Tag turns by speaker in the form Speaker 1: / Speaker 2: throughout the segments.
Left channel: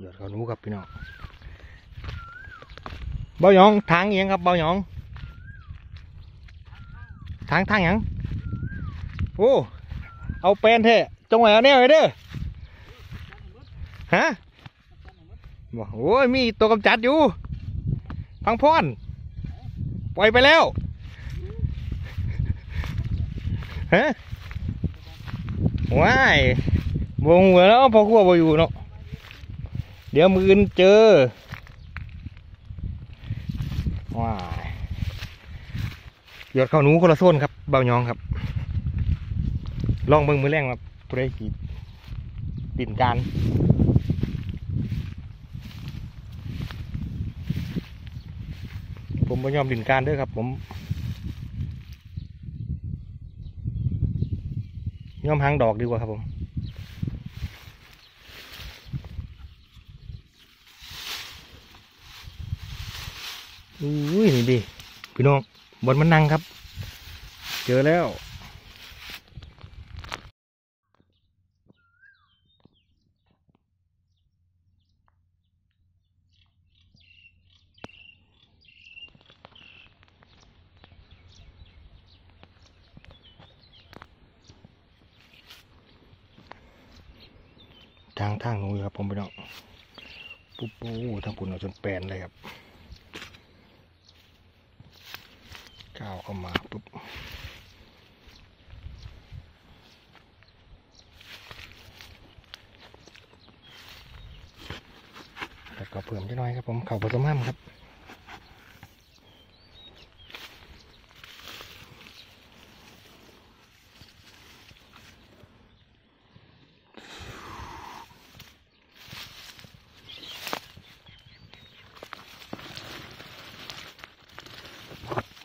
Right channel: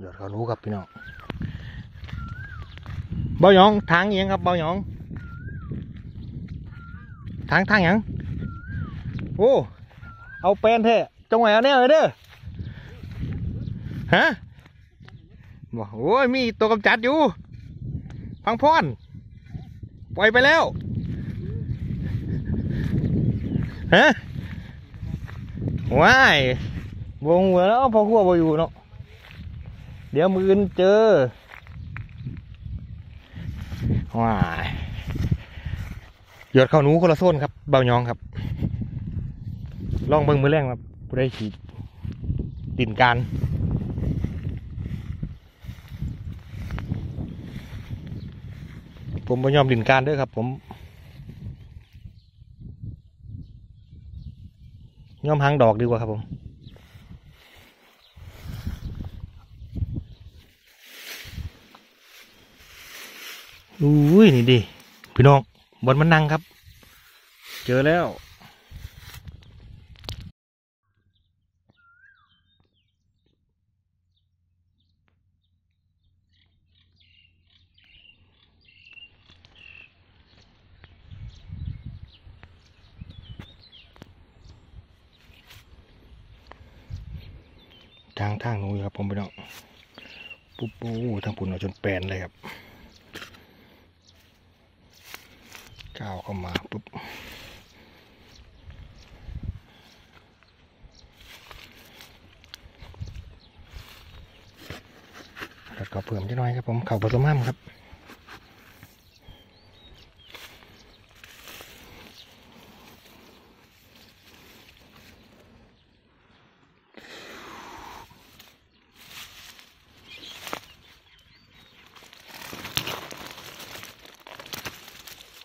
Speaker 1: หยอดเขาหนูครับพี่น้องเบาหยองทางอิหยังครับเบาหยองทางทางยังโอ้เอาแปลนเถอะจงไว้เอาแน่ไว้เด้อฮะบอกโอ้ยมีตัวกำจัดอยู่พังพอนปล่อยไปแล้วฮะว้ายวงหัวแล้วพอขั้วบอยู่เนาะ ดี๋ยวมืออนเจอว้ายหยดเข้าหนูคนละโซนครับเบายองครับ ลองเบิ่งมือแรงครับผู้ได้ฉีดดินการผมไม่ยอมดินการด้วยครับ ผมยอมหางดอกดีกว่าครับผม อุ้ยนี่ดิพี่น้องบนมันนั่งครับ เจอแล้วทางทางหนูอยู่ครับผมพี่น้องปุ๊บปูทางปุ่นเอาจนแปลนเลยครับ เจ้าเข้ามาปุ๊บแล้วก็เพิ่มนิดหน่อยครับผมเข่าผสมห้ามครับ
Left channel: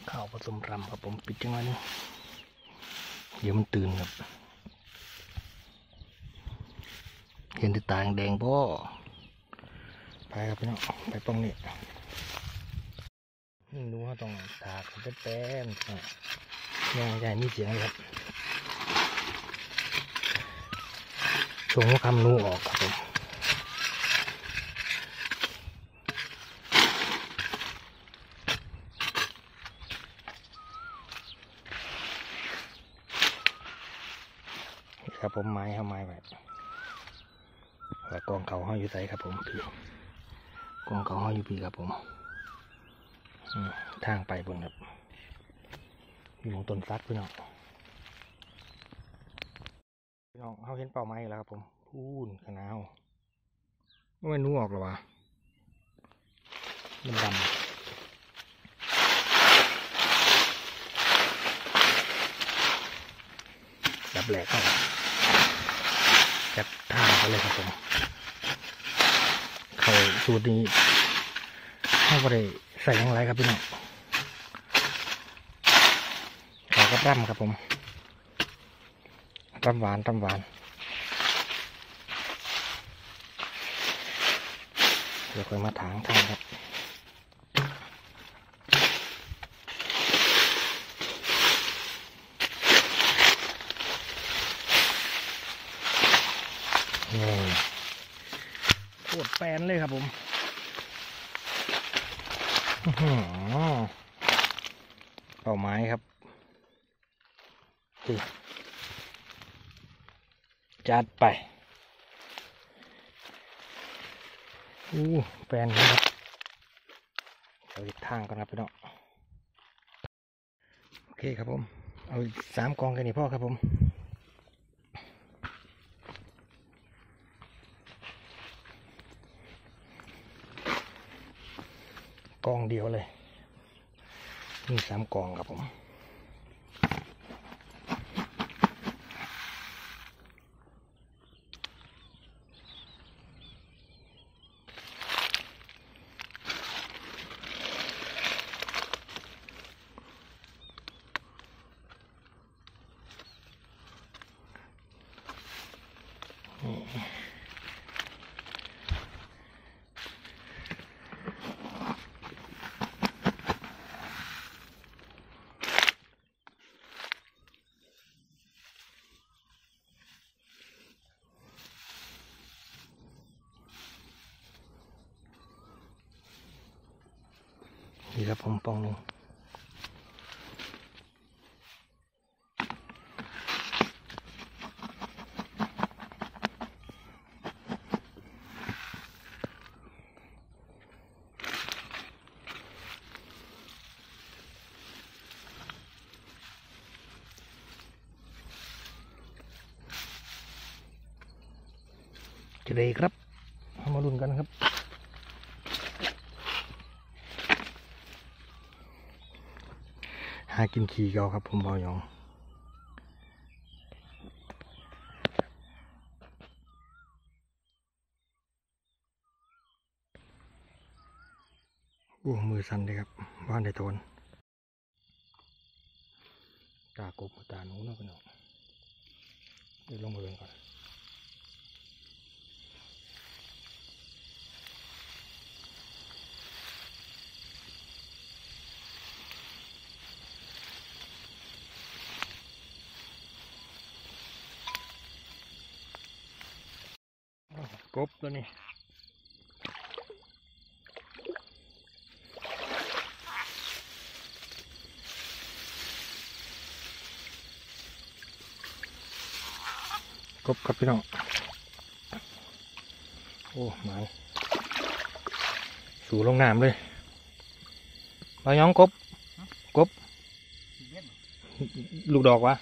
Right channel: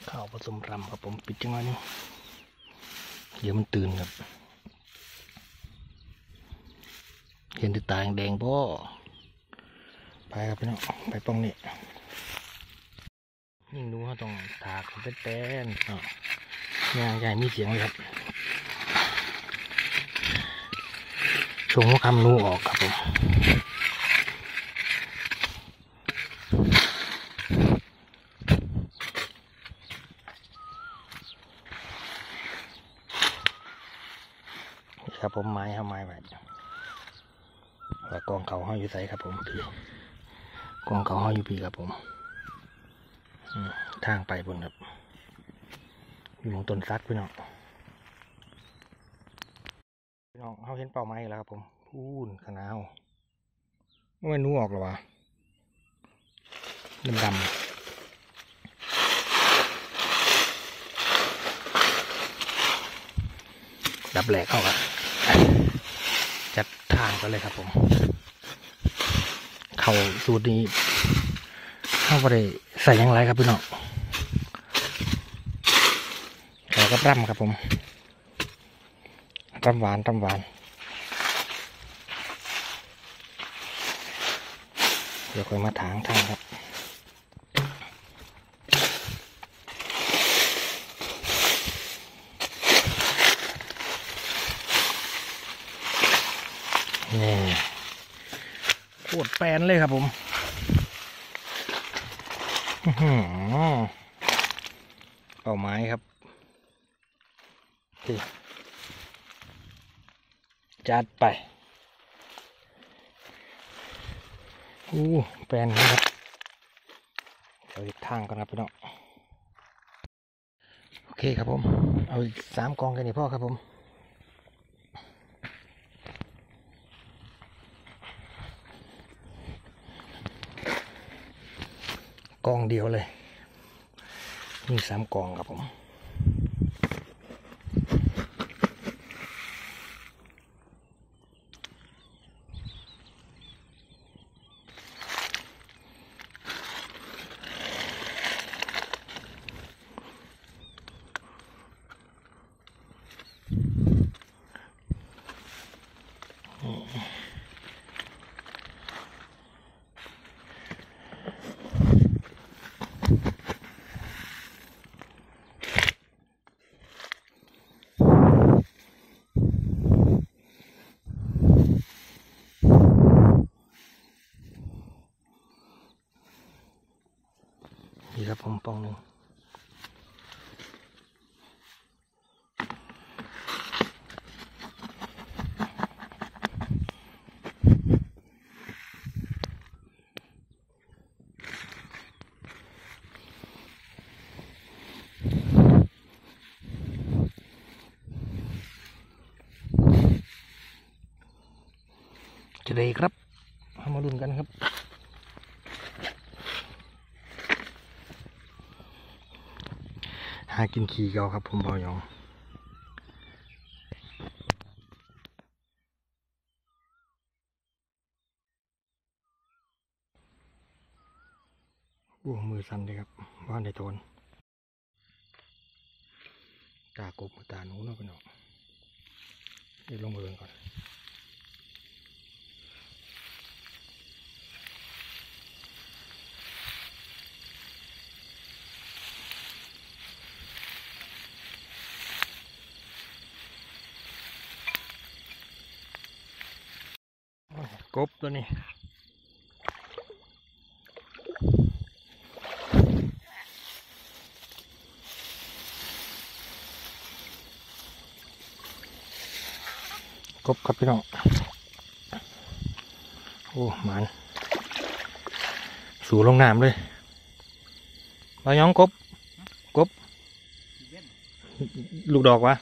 Speaker 1: ข้าวผ สมรำครับผมปิดจังหวะนี้ เดี๋ยวมันตื่นครับ เห็นติตาแดงพ่ไปครับพี่น้องไปตรงนี้นี่ดูเขาต้องถากเป็นแป้นๆย่างใหญ่มีเสียงเลยครับชงคำนูออกครับผม นี่ ครับผมไม้ครับไม้ไว้แล้วกองเขาห้อยอยู่ใส่ครับผมพี่กองเขาห้อยอยู่พี่ครับผมทางไปบนครับอยู่ตรงต้นซัดพี่น้องพี่น้องเขาเห็นเป่าไม้แล้วครับผมพูนขนาวไม่นู้ออกหรอวะดำดำดับแหลกเข้า จัดท่าไปเลยครับผมเขาสูตรนี้เข้าไปได้ใส่ยังไรครับพี่น้องขาก็ร่ำครับผมร่ำหวานร่ำหวานเดี๋ยวค่อยมาถางทางครับ นี่ปวดแปนเลยครับผมอื้อหือเป่าไม้ครับจัดไป อู้แปนครับเอาทางก่อนครับพี่น้องโอเคครับผม เอาอีกสามกองกันนี่พ่อครับผม กองเดียวเลย มีสามกองครับผม นี่ครัผมปองหนึ่งจะได้ครับให้มาลุ้นกันครับ หากินขี้เกาครับผมบายองโอ้มือสั่นเลยครับว่านในโทนตากบตาหนูนะพี่น้องเดี๋ยวลงมาเบิ่งก่อน โอ้ กบตัวนี้กบครับพี่น้อง โอ้หมันสู่ลงน้ำเลยมาย้องกบ กบ ลูกดอกวะ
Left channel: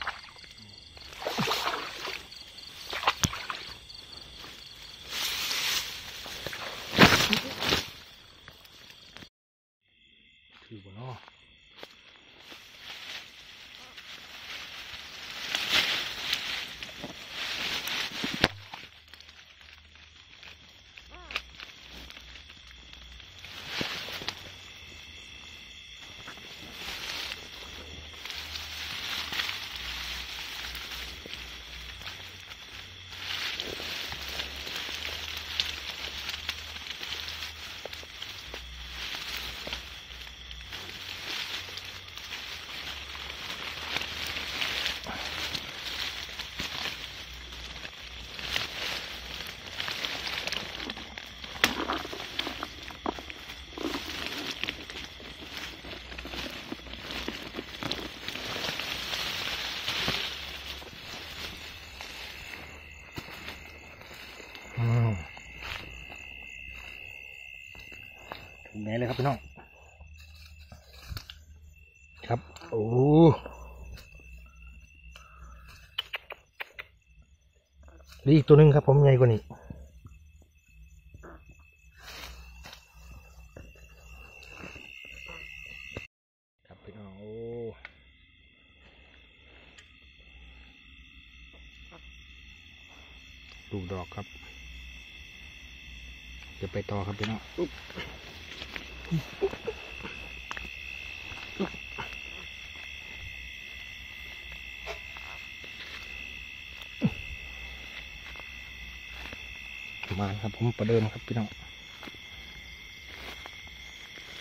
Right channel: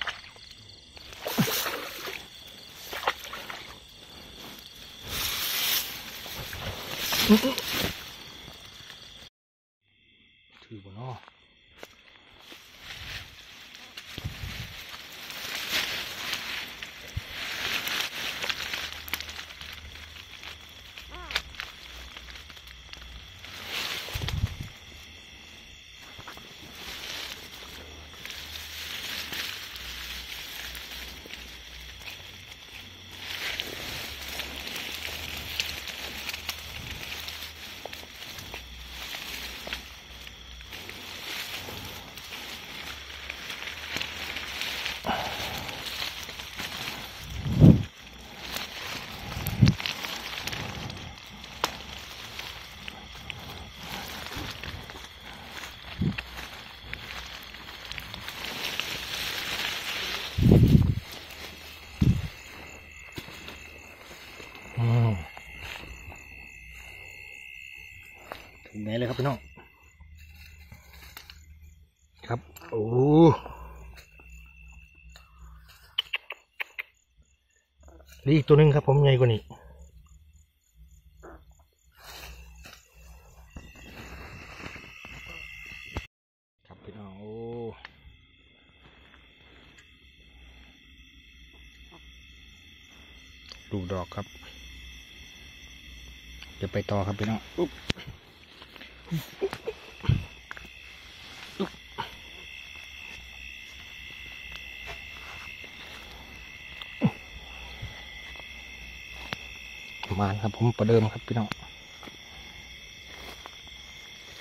Speaker 1: ถื ถึงไหนเลยครับพี่น้องครับโอ้เหลืออีกตัวนึงครับผมใหญ่กว่านี้ครับพี่น้องโอ้ดูดอกครับเดี๋ยวไปต่อครับพี่น้องอ๊ มาครับผมประเดิมครับพี่น้อง